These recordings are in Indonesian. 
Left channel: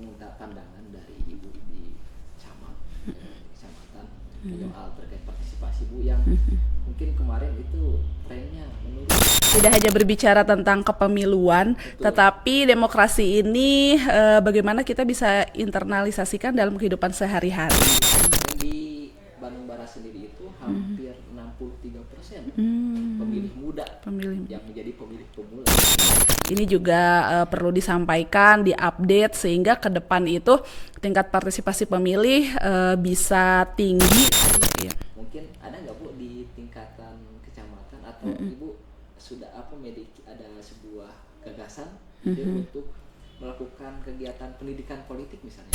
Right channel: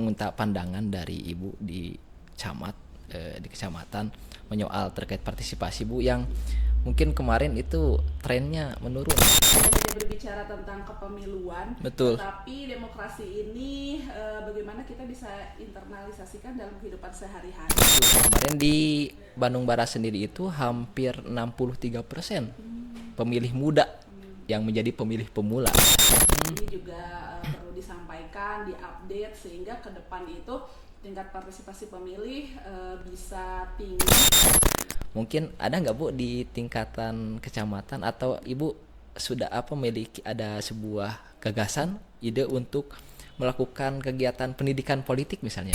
meminta pandangan dari Ibu di camat, di kecamatan menyoal terkait partisipasi Bu yang mungkin kemarin itu trennya menurun. Tidak hanya berbicara tentang kepemiluan, Betul. tetapi demokrasi ini bagaimana kita bisa internalisasikan dalam kehidupan sehari-hari. Kemarin di Bandung Barat sendiri itu hampir 63% pemilih muda yang menjadi pemilih pemula. Ini juga perlu disampaikan, diupdate sehingga ke depan itu tingkat partisipasi pemilih bisa tinggi. Mungkin ada nggak Bu di tingkatan kecamatan atau Ibu sudah memiliki ada sebuah gagasan, ide untuk melakukan kegiatan pendidikan politik misalnya?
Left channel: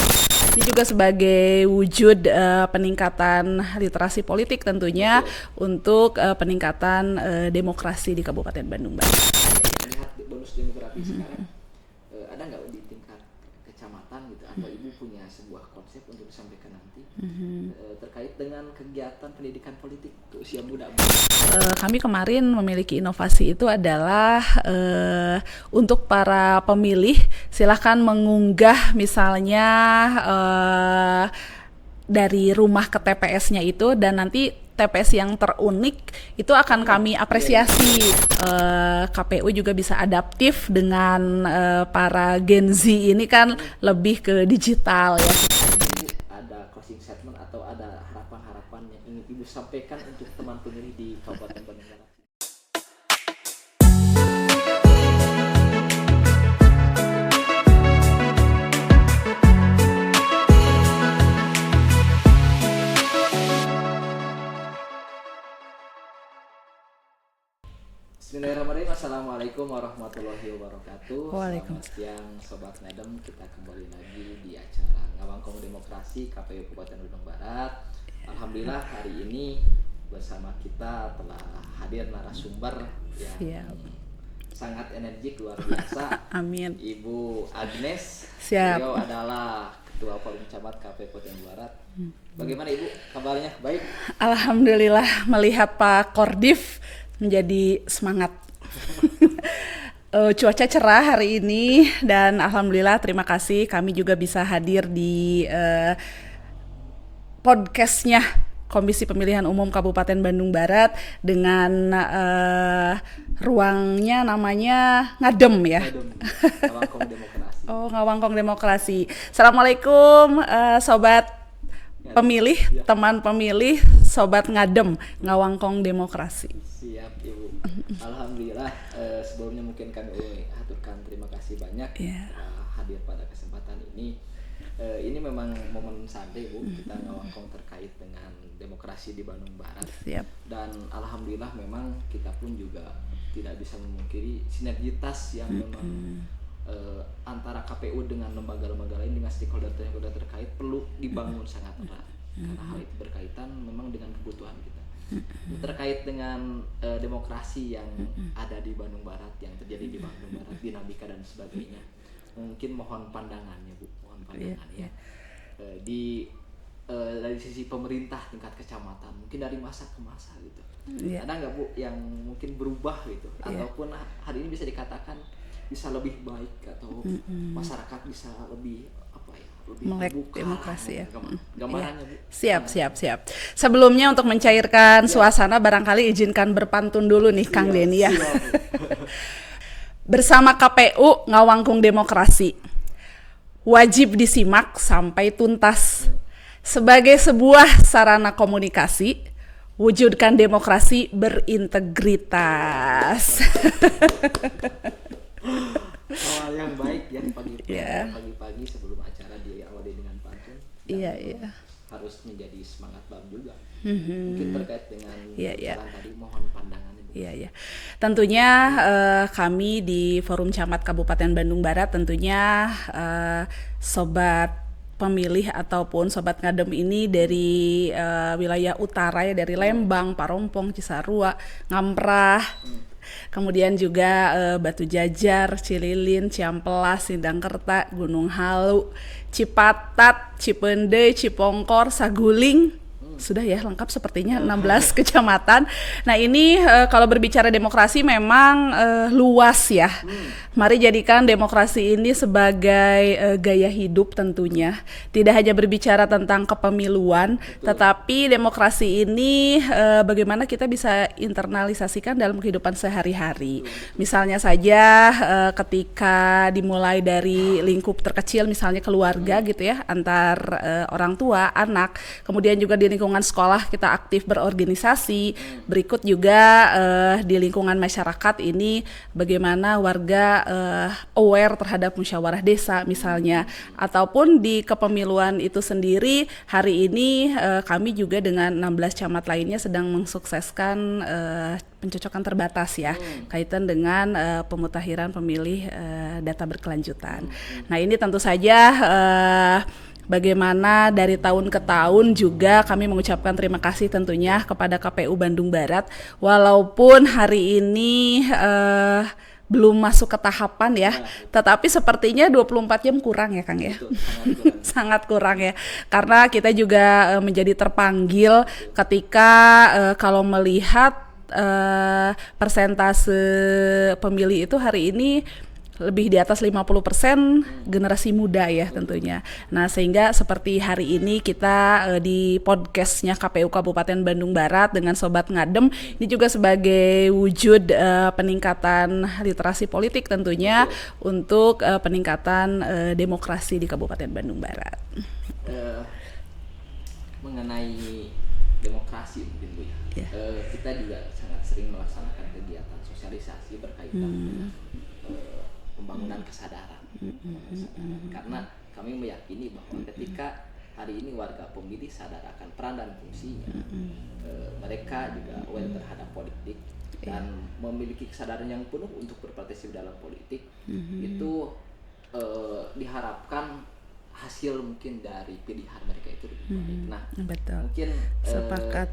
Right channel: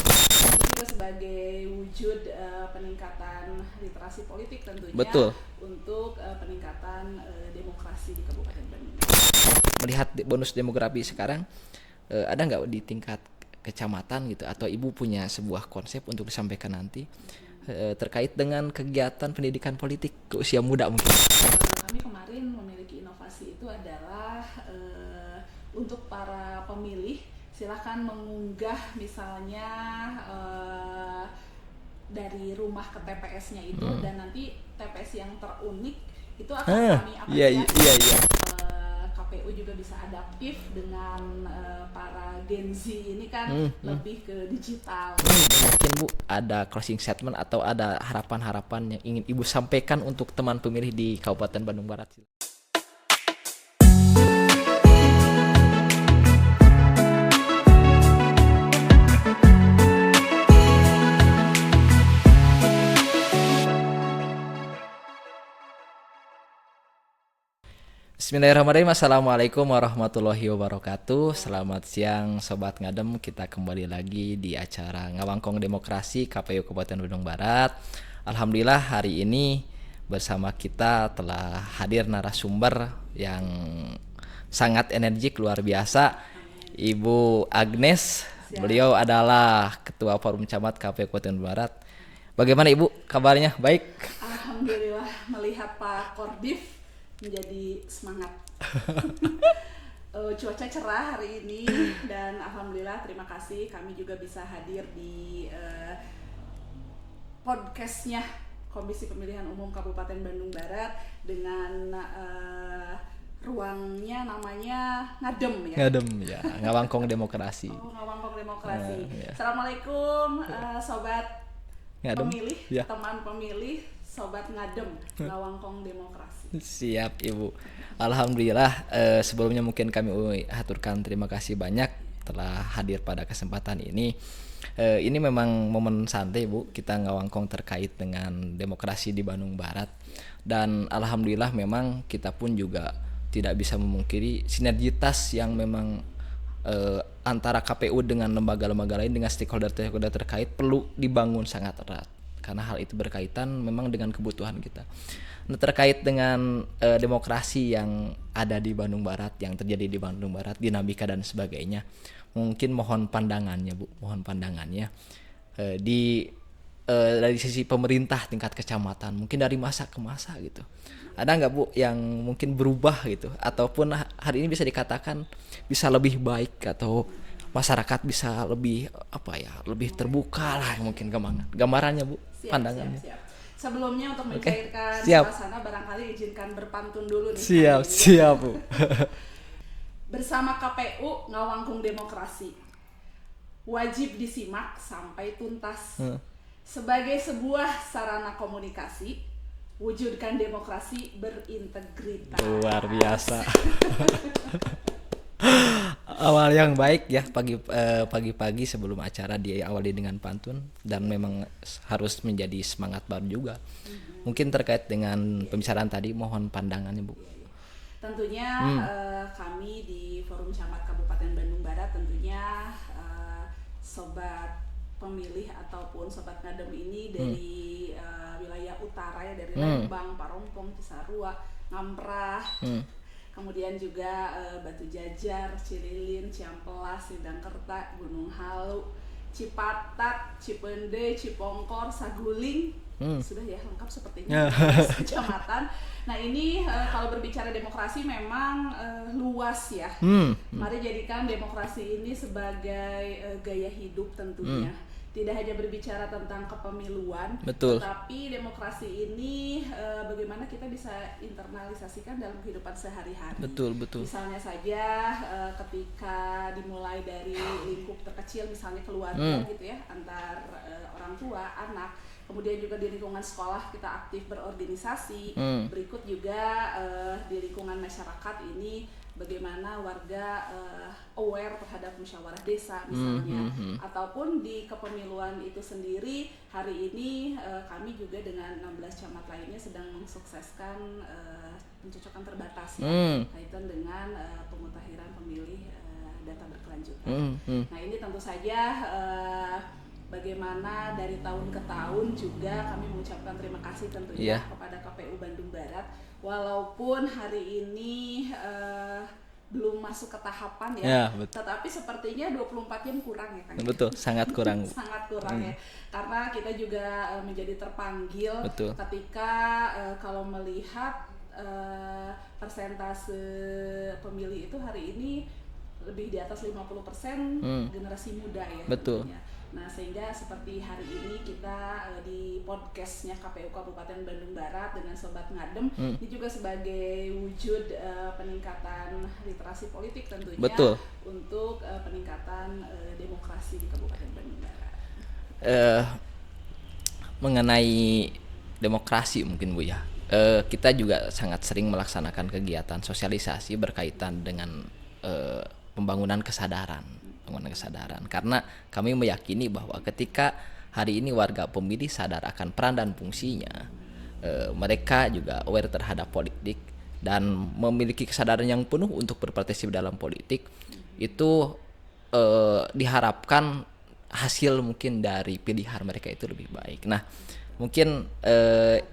Ini juga sebagai wujud peningkatan literasi politik tentunya. Betul. Untuk peningkatan demokrasi di Kabupaten Bandung Barat. Melihat bonus demografi sekarang, ada nggak di tingkat kecamatan gitu atau Ibu punya sebuah konsep untuk disampaikan nanti terkait dengan kegiatan pendidikan politik ke usia muda mungkin? Kami kemarin memiliki inovasi itu adalah untuk para pemilih silahkan mengunggah misalnya dari rumah ke TPS-nya itu dan nanti TPS yang terunik itu akan kami apresiasi. KPU juga bisa adaptif dengan para Gen Z ini kan lebih ke digital ya. Mungkin Bu ada closing statement atau ada harapan-harapan yang ingin Ibu sampaikan untuk teman pemilih di Kabupaten Bandung Barat? Bismillahirrahmanirrahim. Assalamualaikum warahmatullahi wabarakatuh. Selamat siang Sobat Ngadem. Kita kembali lagi di acara Ngawangkong Demokrasi KPU Kabupaten Bandung Barat. Alhamdulillah hari ini bersama kita telah hadir narasumber yang sangat energik luar biasa. Amin. Ibu Agnes. Beliau adalah Ketua Forum Camat KPU Kabupaten Barat. Bagaimana Ibu kabarnya? Baik? Alhamdulillah, melihat Pak Kordif menjadi semangat. Cuaca cerah hari ini dan alhamdulillah terima kasih kami juga bisa hadir di podcastnya Komisi Pemilihan Umum Kabupaten Bandung Barat dengan ruangnya namanya Ngadem ya. Ngadem, ya. Ngawangkong Demokrasi. Oh, Ngawangkong Demokrasi. Assalamualaikum Sobat pemilih, teman pemilih, Sobat Ngadem, Ngawangkong Demokrasi. Siap Ibu. Alhamdulillah, sebelumnya mungkin kami haturkan terima kasih banyak telah hadir pada kesempatan ini. Ini memang momen santai Bu, kita ngawangkong terkait dengan demokrasi di Bandung Barat. Dan alhamdulillah memang kita pun juga tidak bisa memungkiri sinergitas yang memang antara KPU dengan lembaga-lembaga lain dengan stakeholder terkait perlu dibangun sangat erat karena hal itu berkaitan memang dengan kebutuhan kita. Nah, terkait dengan demokrasi yang ada di Bandung Barat, yang terjadi di Bandung Barat, dinamika dan sebagainya, mungkin mohon pandangannya Bu, dari sisi pemerintah tingkat kecamatan, mungkin dari masa ke masa gitu. Ada nggak Bu yang mungkin berubah gitu, ataupun hari ini bisa dikatakan bisa lebih baik atau masyarakat bisa lebih lebih terbuka lah mungkin gambarannya Bu. Siap. Sebelumnya untuk mencairkan suasana barangkali izinkan berpantun dulu nih Kang Denny ya. Siap Bu. Bersama KPU Ngawangkong Demokrasi wajib disimak sampai tuntas. Sebagai sebuah sarana komunikasi, wujudkan demokrasi berintegritas. Awal yang baik ya pagi-pagi sebelum acara diawali dengan pantun dan memang harus menjadi semangat baru juga. Mungkin terkait dengan pembicaraan tadi mohon pandangannya Bu. Tentunya kami di Forum Camat Kabupaten Bandung Barat tentunya sobat pemilih ataupun Sobat Ngadem ini dari wilayah utara ya, dari Lembang, Parompong, Cisarua, Ngamprah, kemudian juga Batu Jajar, Cililin, Ciamplas, Sindangkerta, Gunung Halu, Cipatat, Cipende, Cipongkor, Saguling, Sudah ya lengkap sepertinya 16 kecamatan. Nah ini kalau berbicara demokrasi memang luas ya. Mari jadikan demokrasi ini sebagai gaya hidup tentunya. Tidak hanya berbicara tentang kepemiluan, tetapi demokrasi ini bagaimana kita bisa internalisasikan dalam kehidupan sehari-hari. Misalnya saja ketika dimulai dari lingkup terkecil, misalnya keluarga gitu ya, antar orang tua, anak, kemudian juga di lingkungan sekolah kita aktif berorganisasi. Berikut juga di lingkungan masyarakat ini bagaimana warga aware terhadap musyawarah desa misalnya, ataupun di kepemiluan itu sendiri hari ini kami juga dengan 16 camat lainnya sedang mensukseskan pencocokan terbatas ya kaitan dengan pemutakhiran pemilih data berkelanjutan. Nah ini tentu saja bagaimana dari tahun ke tahun juga kami mengucapkan terima kasih tentunya kepada KPU Bandung Barat, walaupun hari ini belum masuk ke tahapan ya, tetapi sepertinya 24 jam kurang ya Kang ya. Betul, sangat kurang. Sangat kurang ya, karena kita juga menjadi terpanggil ketika kalau melihat persentase pemilih itu hari ini lebih di atas 50% generasi muda ya tentunya. Nah sehingga seperti hari ini kita di podcastnya KPU Kabupaten Bandung Barat dengan Sobat Ngadem ini juga sebagai wujud peningkatan literasi politik tentunya untuk peningkatan demokrasi di Kabupaten Bandung Barat. Mengenai demokrasi mungkin Bu ya, kita juga sangat sering melaksanakan kegiatan sosialisasi berkaitan dengan pembangunan kesadaran, karena kami meyakini bahwa ketika hari ini warga pemilih sadar akan peran dan fungsinya, mereka juga aware terhadap politik dan memiliki kesadaran yang penuh untuk berpartisipasi dalam politik, itu diharapkan hasil mungkin dari pilihan mereka itu lebih baik. Nah, mungkin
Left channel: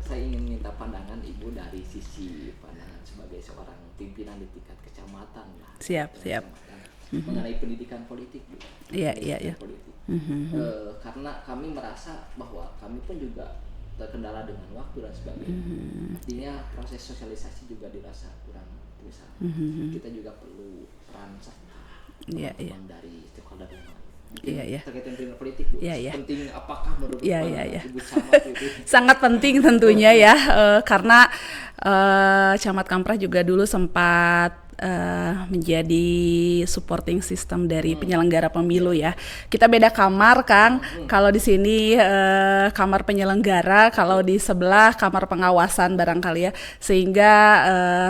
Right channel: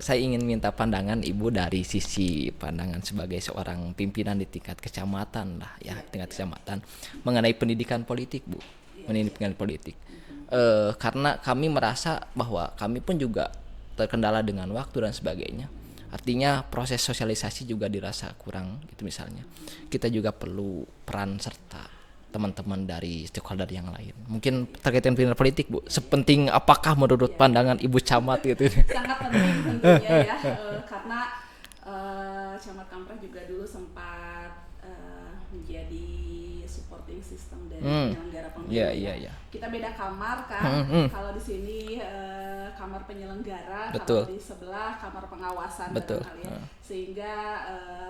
saya ingin minta pandangan Ibu dari sisi pandangan sebagai seorang pimpinan di tingkat kecamatan lah, kecamatan mengenai pendidikan politik, Bu. Pendidikan politik. Karena kami merasa bahwa kami pun juga terkendala dengan waktu dan sebagainya. Artinya proses sosialisasi juga dirasa kurang itu misalnya. Kita juga perlu peran serta teman-teman dari stakeholder yang lain. Mungkin terkait dengan pilihan politik, Bu. Sepenting apakah menurut pandangan Ibu Camat gitu? Sangat penting tentunya ya, karena Camat Kamprah juga dulu sempat menjadi supporting system dari penyelenggara pemilu ya. Kita beda kamar kan. Kalau di sini kamar penyelenggara, kalau di sebelah kamar pengawasan barangkali ya. Sehingga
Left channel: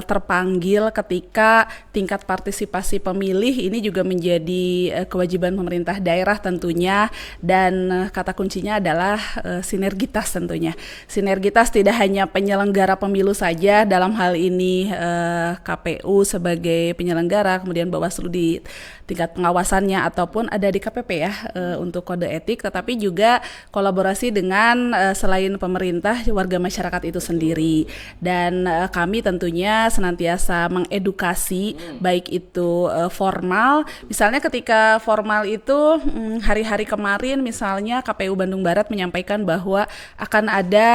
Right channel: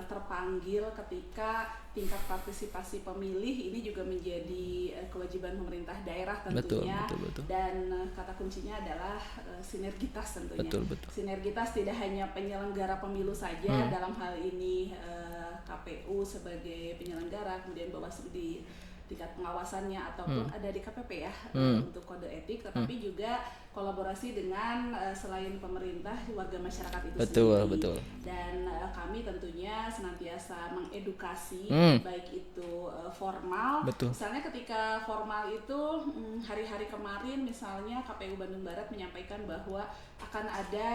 terpanggil ketika tingkat partisipasi pemilih ini juga menjadi kewajiban pemerintah daerah tentunya. Dan kata kuncinya adalah sinergitas tentunya. Sinergitas tidak hanya penyelenggara pemilu saja, dalam hal ini KPU sebagai penyelenggara, kemudian Bawaslu di tingkat pengawasannya ataupun ada di KPP ya untuk kode etik, tetapi juga kolaborasi dengan selain pemerintah warga masyarakat itu sendiri. Dan kami tentunya senantiasa mengedukasi baik itu formal, misalnya ketika formal itu hari-hari kemarin misalnya KPU Bandung Barat menyampaikan bahwa akan ada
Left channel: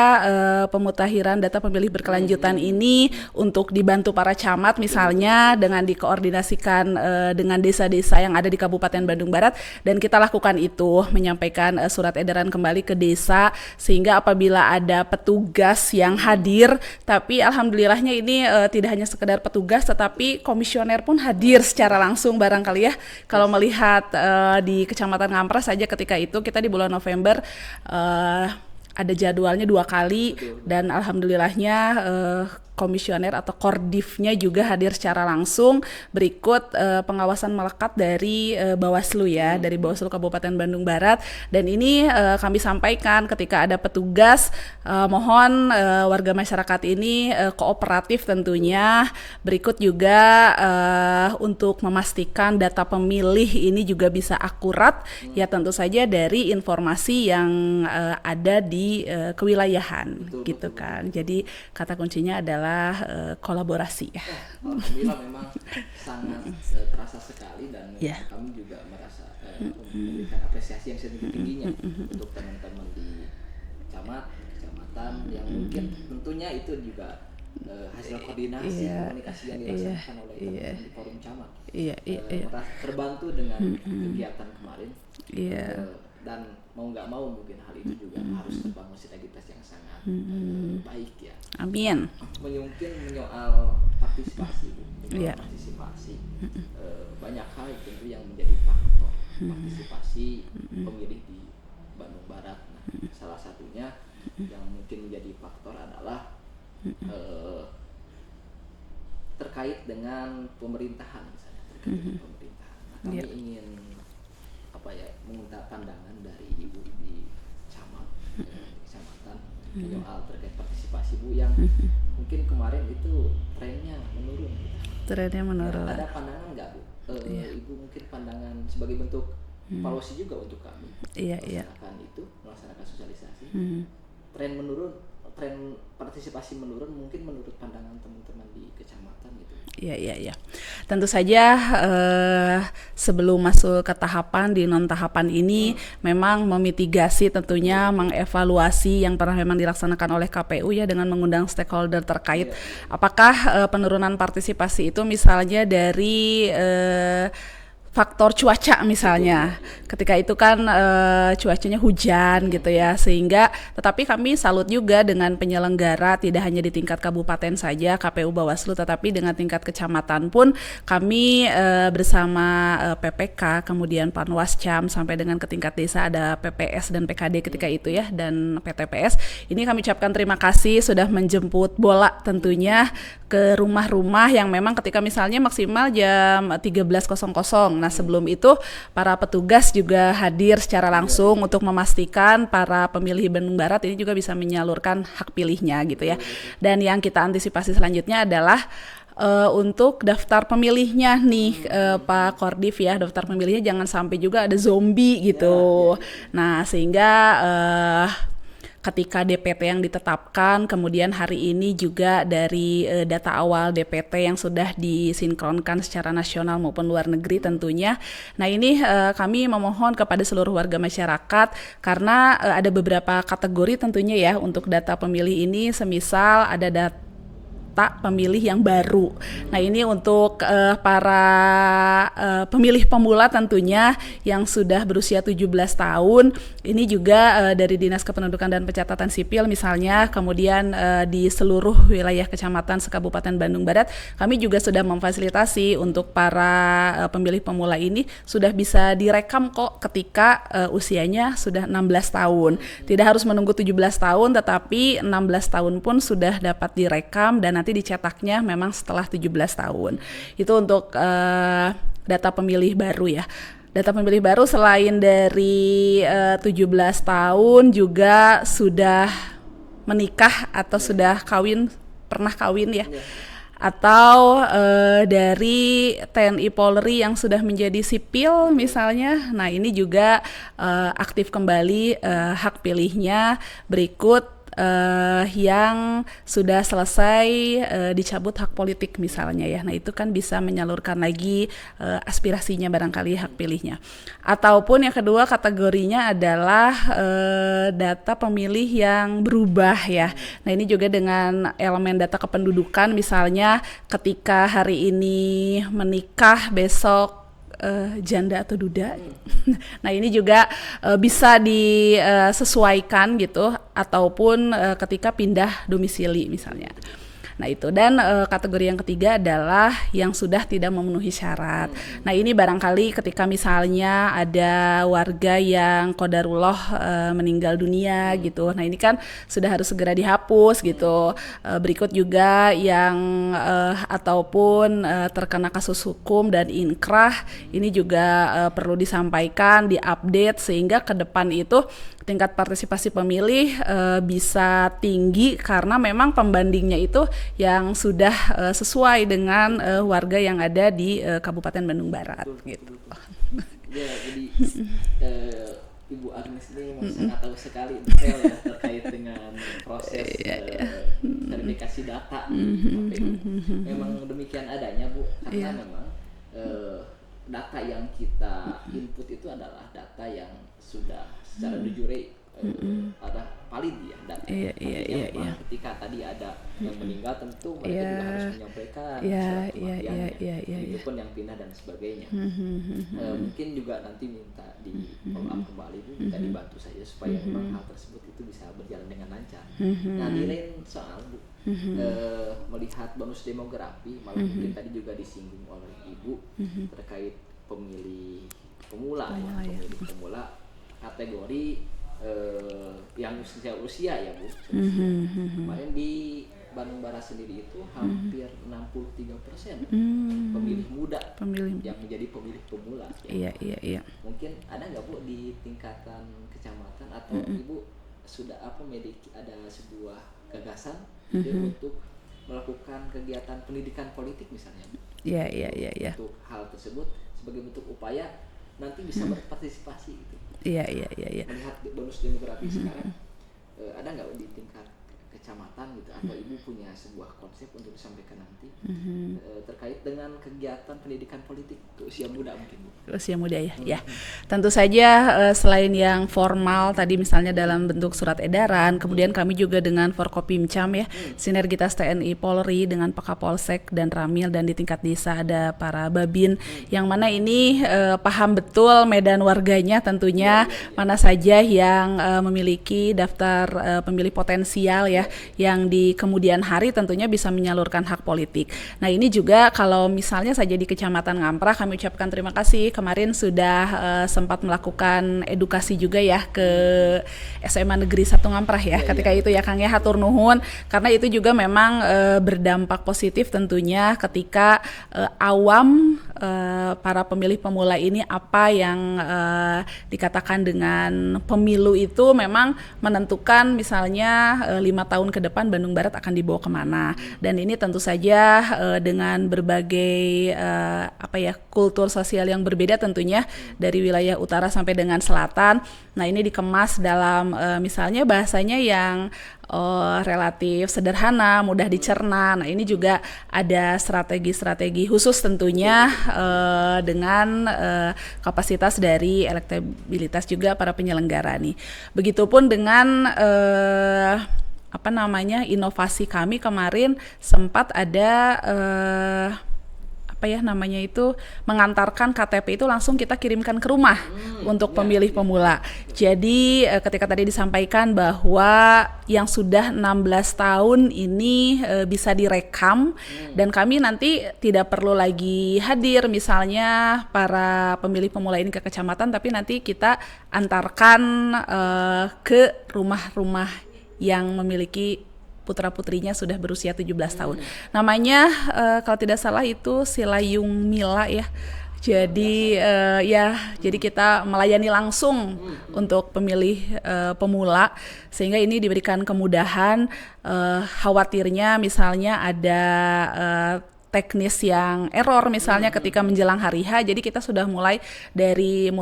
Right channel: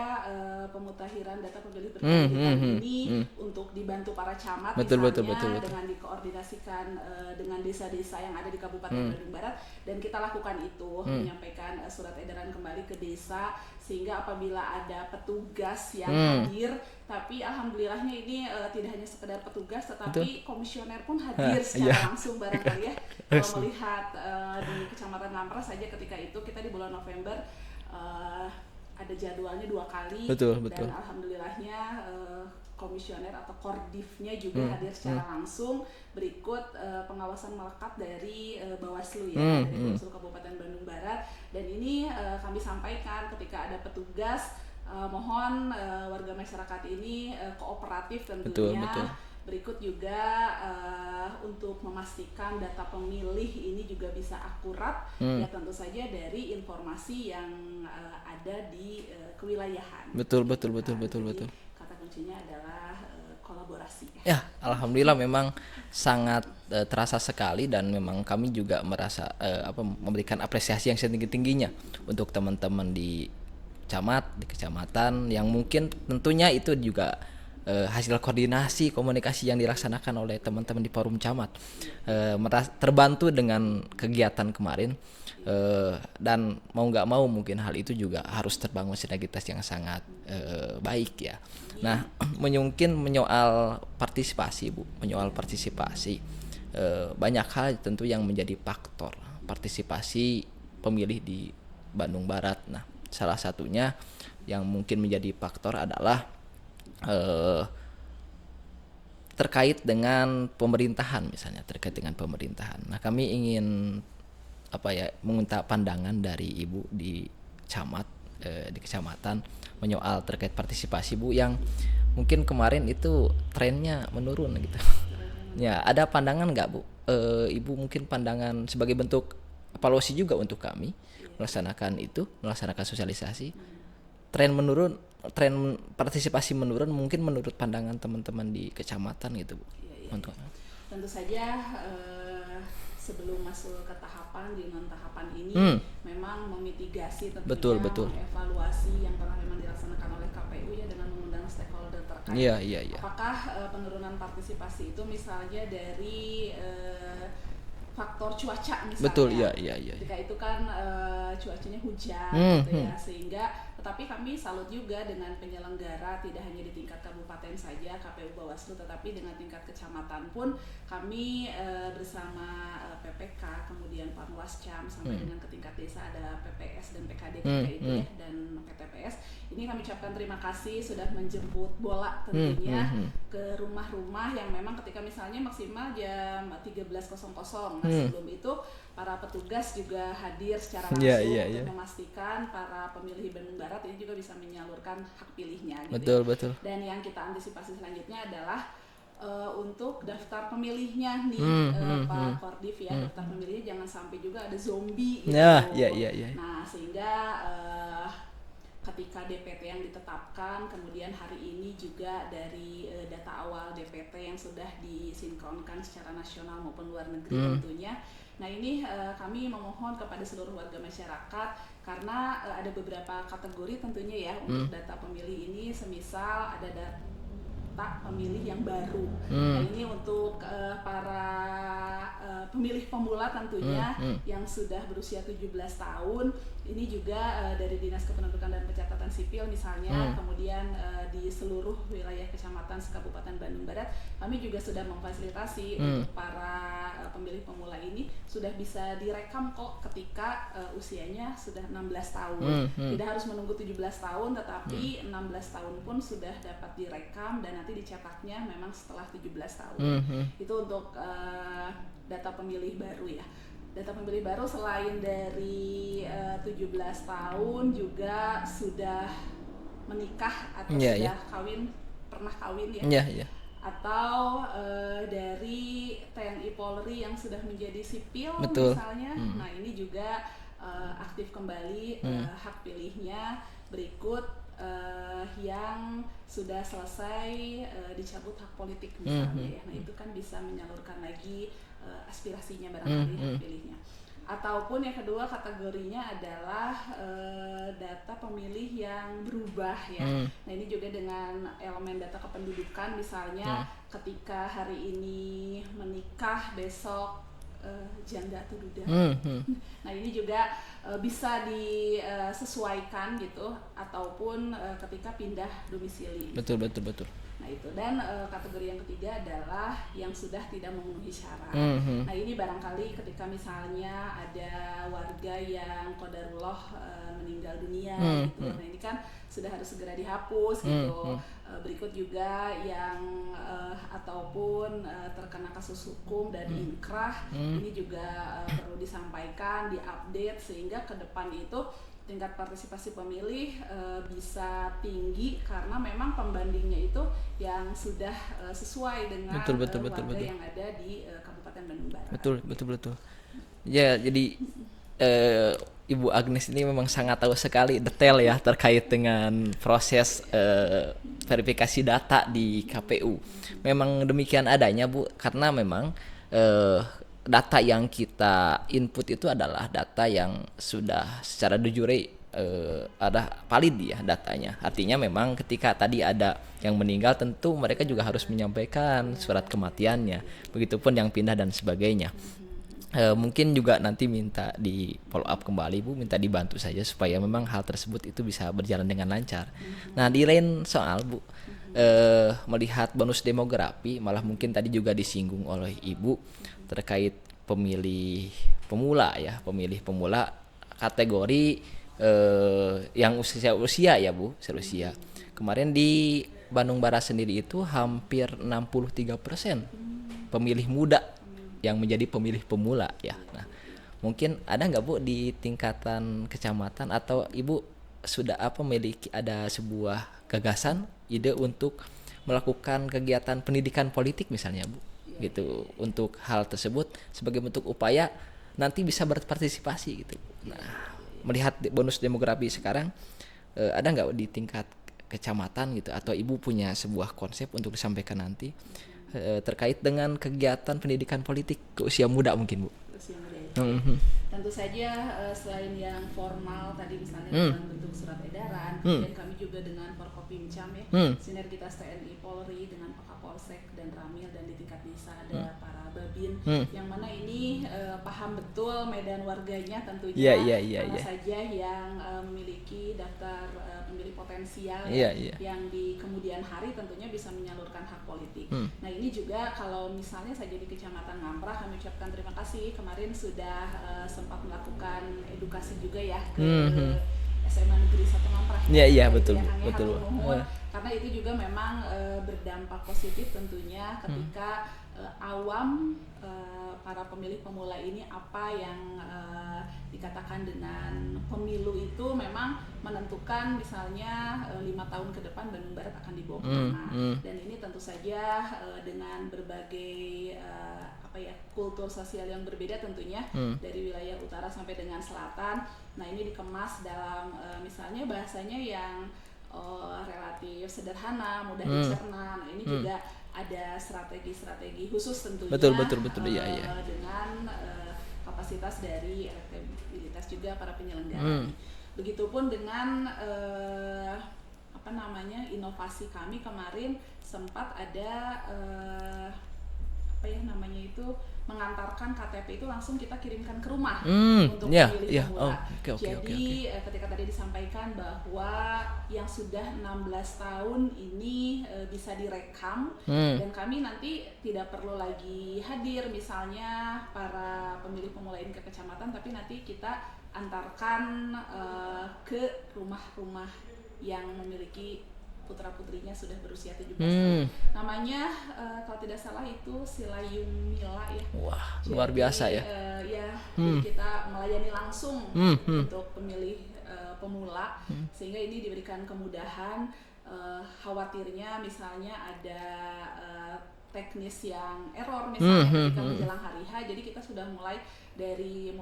pemutakhiran data pemilih berkelanjutan ini untuk dibantu para camat misalnya dengan dikoordinasikan dengan desa-desa yang ada di Kabupaten Bandung Barat, dan kita lakukan itu menyampaikan surat edaran kembali ke desa, sehingga apabila ada petugas yang hadir, tapi alhamdulillahnya ini tidak hanya sekedar petugas tetapi komisioner pun hadir secara langsung barangkali ya. Kalau melihat di Kecamatan Ngampras saja ketika itu kita di bulan November ada jadwalnya 2 kali dan alhamdulillahnya komisioner atau kordifnya juga hadir secara langsung. Berikut pengawasan melekat dari Bawaslu ya, dari Bawaslu Kabupaten Bandung Barat, dan ini kami sampaikan ketika ada petugas, mohon warga masyarakat ini kooperatif tentunya. Berikut juga untuk memastikan data pemilih ini juga bisa akurat, ya tentu saja dari informasi yang ada di kewilayahan. Betul. Jadi kata kuncinya adalah kolaborasi ya. Alhamdulillah memang sangat terasa sekali, dan memang kami juga merasa memberikan apresiasi yang setinggi-tingginya untuk teman-teman di camat, di kecamatan yang mungkin tentunya itu juga hasil koordinasi komunikasi yang dilaksanakan oleh teman-teman di forum camat. Terbantu dengan kegiatan kemarin. Dan mau nggak mau mungkin hal itu juga harus terbangun sinergitas yang sangat baik ya. Amin. Nah, mungkin menyoal partisipasi Bu, partisipasi banyak hal tentu yang menjadi faktor partisipasi pemilih di Bandung Barat. Nah, salah satunya yang mungkin menjadi faktor adalah terkait dengan pemerintahan misalnya, dengan pemerintahan. Nah, kami ingin meminta pandangan dari Ibu di camat, di kecamatan menyoal terkait partisipasi Bu yang mungkin kemarin itu trennya menurun gitu. Trennya menurun. Ya, ada pandangan nggak Bu? Ibu mungkin pandangan sebagai bentuk evaluasi juga untuk kami melaksanakan sosialisasi. Tren partisipasi menurun mungkin menurut pandangan teman-teman di kecamatan gitu. Iya. Tentu saja sebelum masuk ke tahapan di non tahapan ini memang memitigasi tentunya betul. Mengevaluasi yang pernah memang dilaksanakan oleh KPU ya dengan mengundang stakeholder terkait. Apakah penurunan partisipasi itu misalnya dari faktor cuaca misalnya, ketika itu kan cuacanya hujan gitu ya, sehingga tetapi kami salut juga dengan penyelenggara tidak hanya di tingkat kabupaten saja KPU Bawaslu, tetapi dengan tingkat kecamatan pun kami bersama PPK kemudian Panwascam sampai dengan ke tingkat desa ada PPS dan PKD ketika itu ya dan PTPS. Ini kami ucapkan terima kasih sudah menjemput bola tentunya ke rumah-rumah yang memang ketika misalnya maksimal jam 13.00. Nah sebelum itu para petugas juga hadir secara langsung untuk memastikan para pemilih Bandung Barat ini juga bisa menyalurkan hak pilihnya gitu betul. Dan yang kita antisipasi selanjutnya adalah untuk daftar pemilihnya nih Pak Kordif ya, daftar pemilihnya jangan sampai juga ada zombie gitu. Nah sehingga ketika DPT yang ditetapkan, kemudian hari ini juga dari data awal DPT yang sudah disinkronkan secara nasional maupun luar negeri tentunya. Nah ini kami memohon kepada seluruh warga masyarakat karena ada beberapa kategori tentunya ya untuk data pemilih ini, semisal ada data pemilih yang baru. Nah ini untuk para pemilih pemula tentunya yang sudah berusia 17 tahun. Ini juga dari Dinas Kependudukan dan Pencatatan Sipil misalnya, kemudian di seluruh wilayah kecamatan se-Kabupaten Bandung Barat, kami juga sudah memfasilitasi untuk para pemilih pemula ini sudah bisa direkam kok ketika usianya sudah 16 tahun. Tidak harus menunggu 17 tahun, tetapi 16 tahun pun sudah dapat direkam dan nanti dicetaknya memang setelah 17 tahun. Itu untuk data pemilih baru ya. Data pemilih baru selain dari 17 tahun juga sudah menikah atau sudah kawin, pernah kawin ya. Atau dari TNI Polri yang sudah menjadi sipil misalnya. Nah ini juga aktif kembali hak pilihnya. Berikut yang sudah selesai dicabut hak politik misalnya ya. Nah itu kan bisa menyalurkan lagi aspirasinya barangkali hak pilihnya. Ataupun yang kedua kategorinya adalah data pemilih yang berubah ya. Nah ini juga dengan elemen data kependudukan misalnya ketika hari ini menikah, besok janda atau duda. Nah ini juga bisa disesuaikan gitu ataupun ketika pindah domisili misalnya. Betul. Nah itu dan kategori yang ketiga adalah yang sudah tidak memenuhi syarat. Nah ini barangkali ketika misalnya ada warga yang qadarullah meninggal dunia gitu. Nah ini kan sudah harus segera dihapus gitu. Berikut juga yang ataupun terkena kasus hukum dan inkrah, ini juga perlu disampaikan, diupdate sehingga ke depan itu tingkat partisipasi pemilih bisa tinggi karena memang pembandingnya itu yang sudah sesuai dengan warga yang ada di Kabupaten Bandung Barat. Betul. Ya jadi Ibu Agnes ini memang sangat tahu sekali detail ya terkait dengan proses verifikasi data di KPU. Memang demikian adanya Bu, karena memang data yang kita input itu adalah data yang sudah secara de jure ada valid ya datanya. Artinya memang ketika tadi ada yang meninggal tentu mereka juga harus menyampaikan surat kematiannya. Begitupun yang pindah dan sebagainya. Mungkin juga nanti minta di follow up kembali Bu, minta dibantu saja supaya memang hal tersebut itu bisa berjalan dengan lancar. Nah di lain soal Bu, melihat bonus demografi malah mungkin tadi juga disinggung oleh Ibu terkait pemilih pemula ya, pemilih pemula kategori yang usia ya Bu, usia. Kemarin di Bandung Barat sendiri itu hampir 63% pemilih muda yang menjadi pemilih pemula ya. Mungkin ada nggak Bu di tingkatan kecamatan atau Ibu sudah memiliki ada sebuah gagasan ide untuk melakukan kegiatan pendidikan politik misalnya Bu? Untuk hal tersebut sebagai bentuk upaya nanti bisa berpartisipasi gitu. Melihat bonus demografi sekarang ada nggak di tingkat kecamatan gitu atau Ibu punya sebuah konsep untuk disampaikan nanti terkait dengan kegiatan pendidikan politik ke usia muda mungkin Bu? Usia muda ya. Ya. Tentu saja selain yang formal tadi misalnya dalam bentuk surat edaran, kemudian kami juga dengan Forkopimcam ya, sinergitas TNI Polri dengan Pakapolsek dan Ramil, dan di tingkat desa ada para Babin yang mana ini paham betul medan warganya tentunya mana saja yang memiliki daftar pemilih potensial ya, yang di kemudian hari tentunya bisa menyalurkan hak politik. Nah ini juga kalau misalnya saja di Kecamatan Ngamprah, kami ucapkan terima kasih kemarin sudah sempat melakukan edukasi juga ya ke SMA Negeri 1 Ngamprah ya, ketika itu ya Kang ya, hatur nuhun, karena itu juga memang berdampak positif tentunya ketika awam para pemilih pemula ini apa yang dikatakan dengan pemilu itu memang menentukan misalnya 5 tahun ke depan Bandung Barat akan dibawa kemana. Dan ini tentu saja dengan berbagai kultur sosial yang berbeda tentunya dari wilayah utara sampai dengan selatan. Nah ini dikemas dalam misalnya bahasanya yang relatif sederhana, mudah dicerna. Nah ini juga ada strategi-strategi khusus tentunya dengan kapasitas dari elektabilitas juga para penyelenggara nih. Begitupun dengan inovasi kami kemarin sempat ada mengantarkan KTP itu langsung kita kirimkan ke rumah untuk pemilih pemula. Jadi ketika tadi disampaikan bahwa yang sudah 16 tahun ini bisa direkam dan kami nanti tidak perlu lagi hadir misalnya para pemilih pemula ini ke kecamatan, tapi nanti kita antarkan ke rumah-rumah yang memiliki putra-putrinya sudah berusia 17 tahun. Namanya kalau tidak salah itu Silayung Mila ya. Jadi jadi kita melayani langsung untuk pemilih pemula, sehingga ini diberikan kemudahan. Khawatirnya misalnya ada teknis yang error misalnya ketika menjelang hari H, jadi kita sudah mulai 16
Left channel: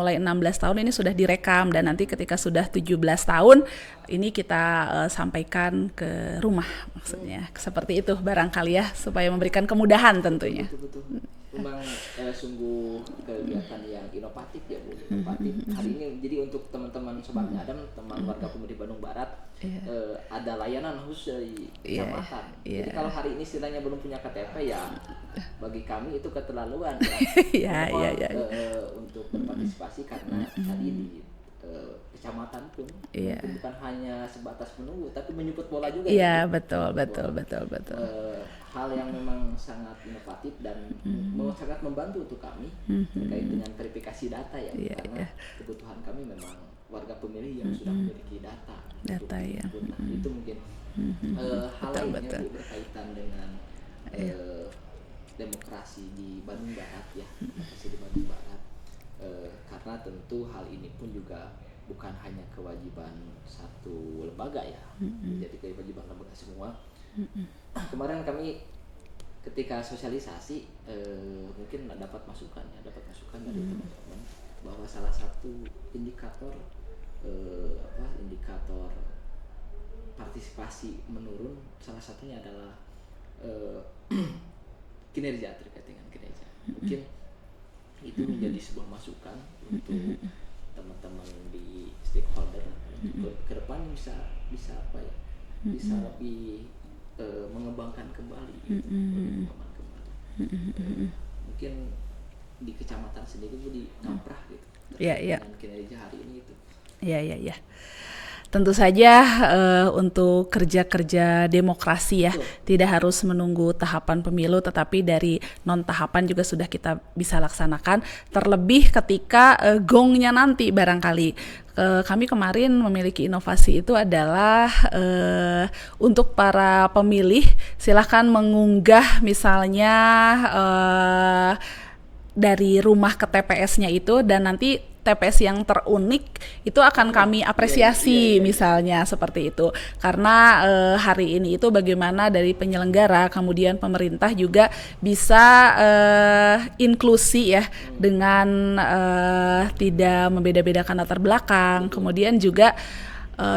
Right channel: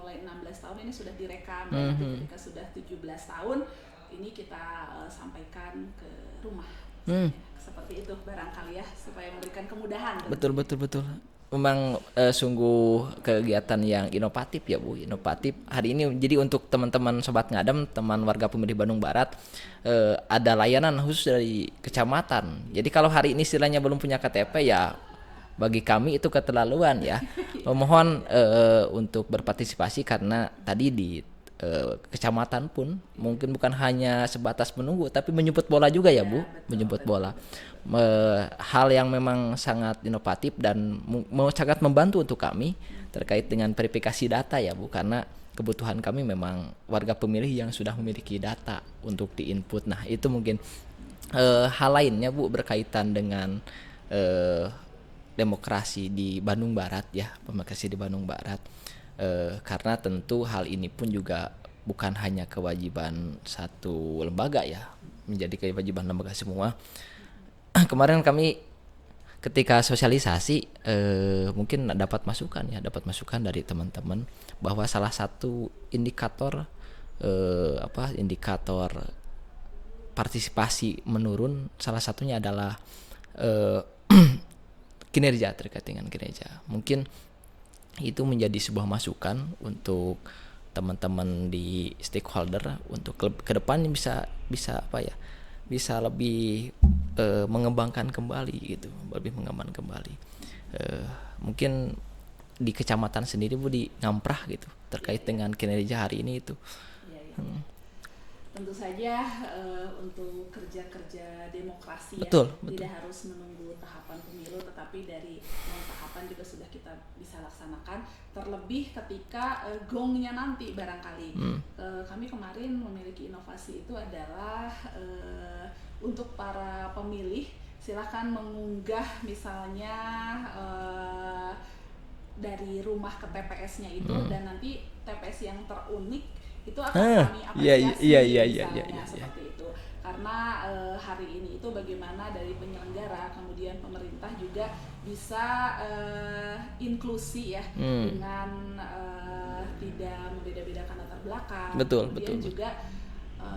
tahun ini sudah direkam dan nanti ketika sudah 17 tahun ini kita sampaikan ke rumah maksudnya. Seperti itu barangkali ya, supaya memberikan kemudahan tentunya. Betul. Memang sungguh kegiatan yang inovatif ya Bu, inovatif. Hari ini jadi untuk teman-teman Sobat Ngadem, teman warga pemilih Bandung Barat, ada layanan khusus dari kecamatan. Jadi kalau hari ini istilahnya belum punya KTP ya bagi kami itu keterlaluan ya. Mohon untuk berpartisipasi karena tadi di kecamatan pun mungkin bukan hanya sebatas menunggu tapi menjemput bola juga ya Bu. Betul. Hal yang memang sangat inovatif dan mau sangat membantu untuk kami terkait dengan verifikasi data ya Bu, karena kebutuhan kami memang warga pemilih yang sudah memiliki data untuk diinput. Nah itu mungkin hal lainnya Bu berkaitan dengan demokrasi di Bandung Barat ya, demokrasi di Bandung Barat. Karena tentu hal ini pun juga bukan hanya kewajiban satu lembaga ya, menjadi kewajiban lembaga semua. Kemarin kami ketika sosialisasi mungkin dapat masukan dari teman-teman bahwa salah satu indikator indikator partisipasi menurun, salah satunya adalah kinerja, terkait dengan kinerja. Mungkin itu menjadi sebuah masukan untuk teman-teman di stakeholder untuk ke depan bisa apa ya, bisa lebih mengembangkan kembali gitu, lebih mengembangkan kembali. Mungkin di kecamatan sendiri Bu di Ngamprah gitu terkait dengan kinerja hari ini itu. Iya. Tentu saja untuk kerja-kerja demokrasi ya, Betul. tidak harus menunggu tahapan pemilu, tetapi dari non tahapan juga sudah kita bisa laksanakan. Terlebih ketika gongnya nanti barangkali. Kami kemarin memiliki inovasi itu adalah untuk para pemilih silahkan mengunggah misalnya dari rumah ke TPS-nya itu, dan nanti TPS yang terunik itu akan kami apresiasi misalnya seperti itu. Karena hari ini itu bagaimana dari penyelenggara kemudian pemerintah juga bisa inklusi ya, dengan tidak membeda-bedakan latar belakang. Betul. Kemudian juga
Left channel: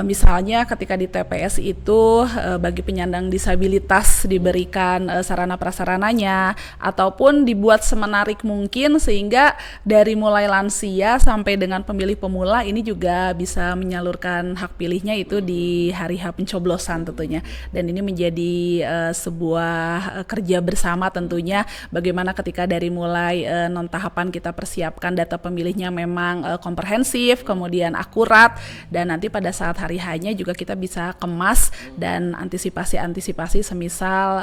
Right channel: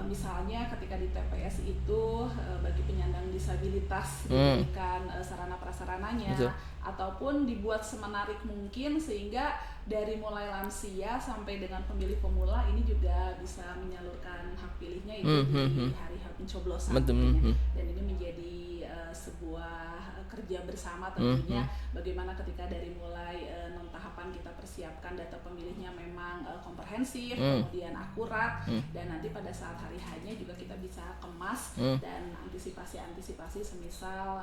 misalnya ketika di TPS itu bagi penyandang disabilitas diberikan sarana prasarananya, ataupun dibuat semenarik mungkin sehingga dari mulai lansia sampai dengan pemilih pemula ini juga bisa menyalurkan hak pilihnya itu di hari H pencoblosan tentunya. Dan ini menjadi sebuah kerja bersama tentunya, bagaimana ketika dari mulai non tahapan kita persiapkan data pemilihnya memang komprehensif, kemudian akurat, dan nanti pada saat hari hanya juga kita bisa kemas dan antisipasi semisal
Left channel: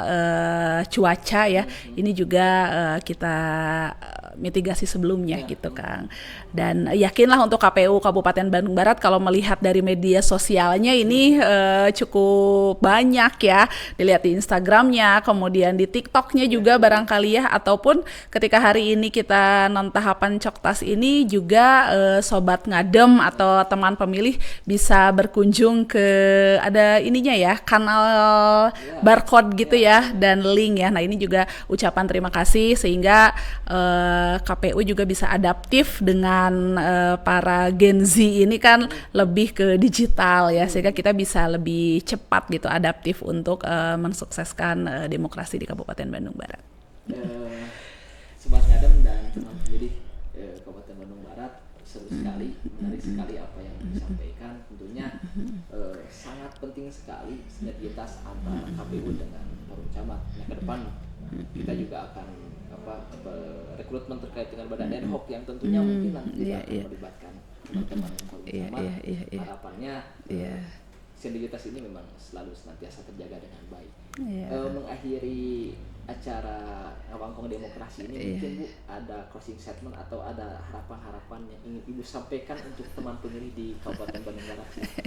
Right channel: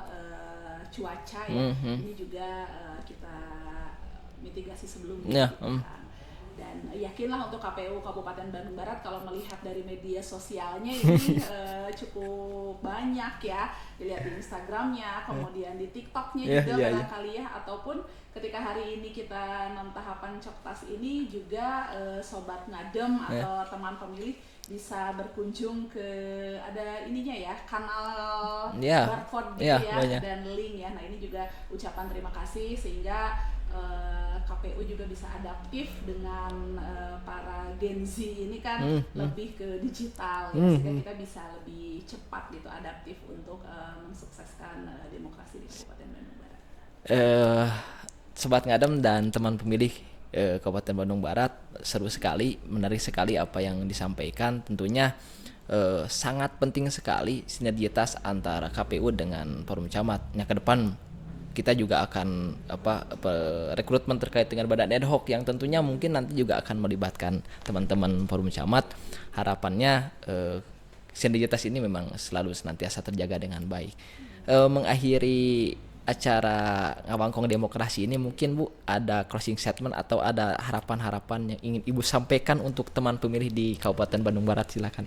cuaca ya, ini juga kita mitigasi sebelumnya gitu Kang. Dan yakinlah untuk KPU Kabupaten Bandung Barat kalau melihat dari media sosialnya ini cukup banyak ya, dilihat di Instagramnya, kemudian di TikToknya juga barangkali ya, ataupun ketika hari ini kita non tahapan Coktas ini juga sobat ngadem atau teman pemilih bisa berkunjung ke ada ininya ya, kanal barcode gitu dan link ya. Nah ini juga ucapan terima kasih sehingga KPU juga bisa adaptif dengan para Gen Z ini kan lebih ke digital ya, sehingga kita bisa lebih cepat gitu adaptif untuk mensukseskan demokrasi di Kabupaten Bandung Barat. Sobat Ngadem dan teman pemilih Kabupaten Bandung Barat, seru sekali, menarik sekali apa yang disampaikan. Tentunya sangat penting sekali sinergitas antara KPU dengan Forum Camat. Nah, ke depan kita juga akan rekrutmen terkait dengan badan ad hoc yang tentunya mungkin nanti juga akan melibatkan teman-teman Forum Camat. Harapannya sinergitas ini memang selalu senantiasa terjaga dengan baik. Mengakhiri acara Ngawangkong Demokrasi ini mungkin Bu ada closing statement atau ada harapan-harapan yang ingin Ibu sampaikan untuk teman pemilih di Kabupaten Bandung Barat, silakan.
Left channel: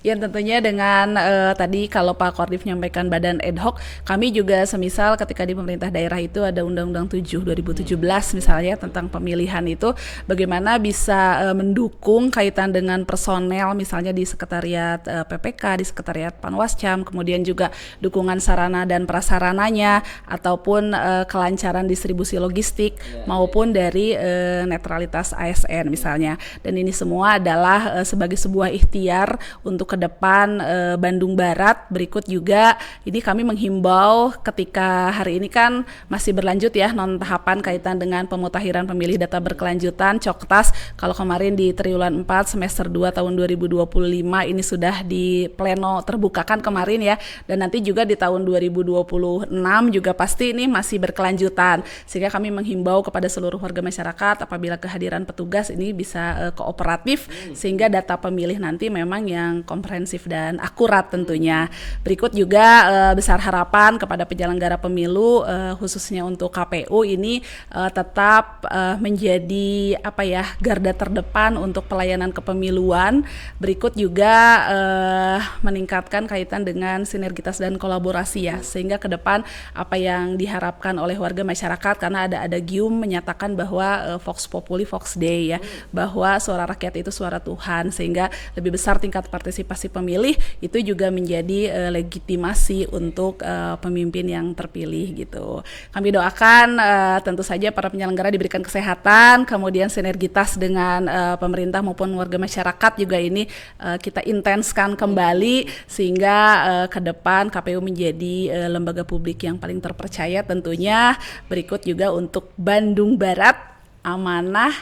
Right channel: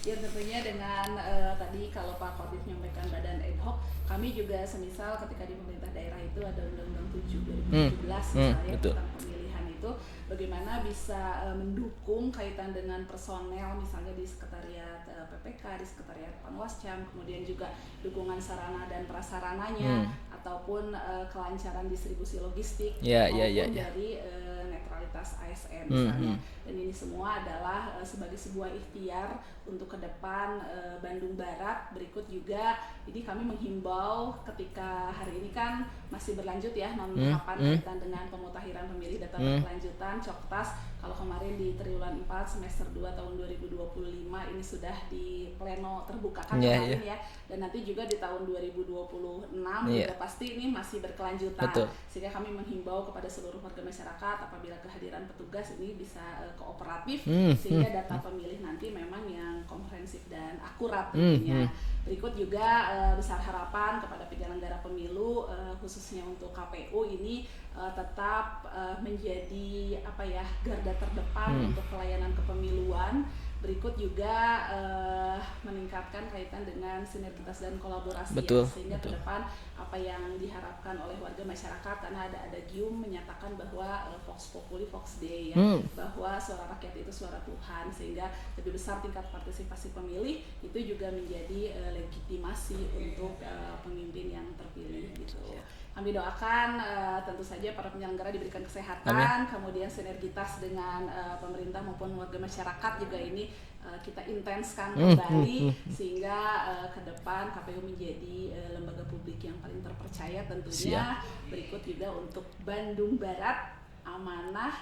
Ya tentunya dengan tadi kalau Pak Kordif menyampaikan badan ad hoc, kami juga semisal ketika di pemerintah daerah itu ada Undang-Undang 7 2017 misalnya tentang pemilihan itu, bagaimana bisa mendukung kaitan dengan personel misalnya di sekretariat PPK, di sekretariat Panwascam, kemudian juga dukungan sarana dan prasarananya, ataupun kelancaran distribusi logistik maupun dari netralitas ASN misalnya. Dan ini semua adalah sebagai sebuah ikhtiar untuk ke depan Bandung Barat. Berikut juga ini kami menghimbau ketika hari ini kan masih berlanjut ya non tahapan kaitan dengan pemutakhiran pemilih data berkelanjutan Coktas. Kalau kemarin di triwulan 4 semester 2 tahun 2025 ini sudah di pleno terbuka kan kemarin ya, dan nanti juga di tahun 2026 juga pasti ini masih berkelanjutan. Sehingga kami menghimbau kepada seluruh warga masyarakat apabila kehadiran petugas ini bisa kooperatif sehingga data pemilih nanti memang yang komprehensif dan akurat tentunya. Berikut juga besar harapan kepada penyelenggara pemilu khususnya untuk KPU ini tetap menjadi garda terdepan untuk pelayanan kepemiluan. Berikut juga meningkatkan kaitan dengan sinergitas dan kolaborasi ya, sehingga ke depan apa yang diharapkan oleh warga masyarakat, karena ada gium menyatakan bahwa Vox Populi Vox Dei ya, bahwa suara rakyat itu suara Tuhan, sehingga lebih besar tingkat partisipasi pemilih itu juga menjadi legitimasi untuk pemimpin yang terpilih gitu. Kami doakan tentu saja para penyelenggara diberikan kesehatan, kemudian sinergitas dengan pemerintah maupun warga masyarakat juga ini kita intenskan kembali sehingga ke depan KPU menjadi lembaga publik yang paling terpercaya tentunya. Berikut juga untuk Bandung Barat, amanah,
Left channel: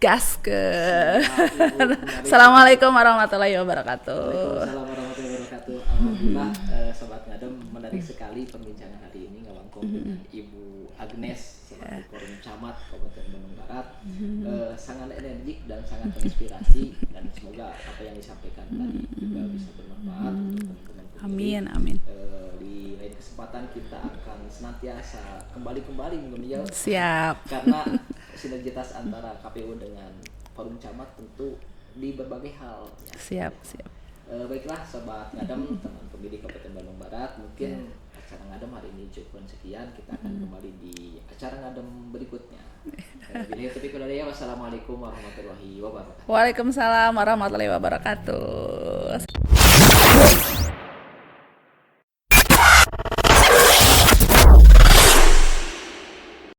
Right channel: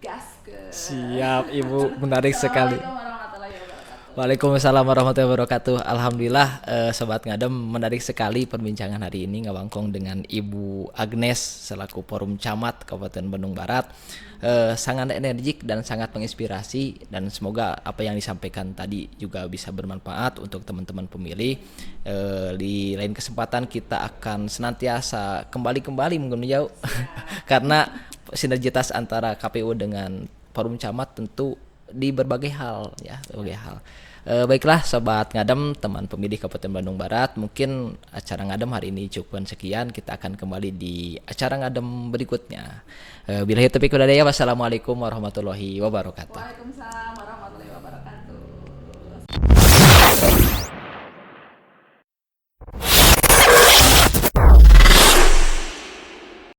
gas ke. Siap, Ibu, menarik sekali. Assalamualaikum warahmatullahi wabarakatuh. Waalaikumsalam warahmatullahi wabarakatuh. Alhamdulillah, Sobat Ngadem, menarik sekali perbincangan hari ini ngawangkong dengan Ibu Agnes selaku Forum Camat Kabupaten Bandung Barat. Sangat energik dan sangat menginspirasi, dan semoga apa yang disampaikan tadi juga bisa bermanfaat untuk teman-teman pemilih. Amin. Di lain kesempatan kita akan senantiasa kembali mungkin jauh. Siap. Karena sinergitas antara KPU dengan Forum Camat tentu di berbagai hal ya. Berbagai hal. Baiklah Sobat Ngadem, teman pemilih Kabupaten Bandung Barat, mungkin acara Ngadem hari ini cukup sekian. Kita akan kembali di acara Ngadem berikutnya. Billahi taufiq wal hidayah. Wassalamualaikum warahmatullahi wabarakatuh. Waalaikumsalam warahmatullahi wabarakatuh.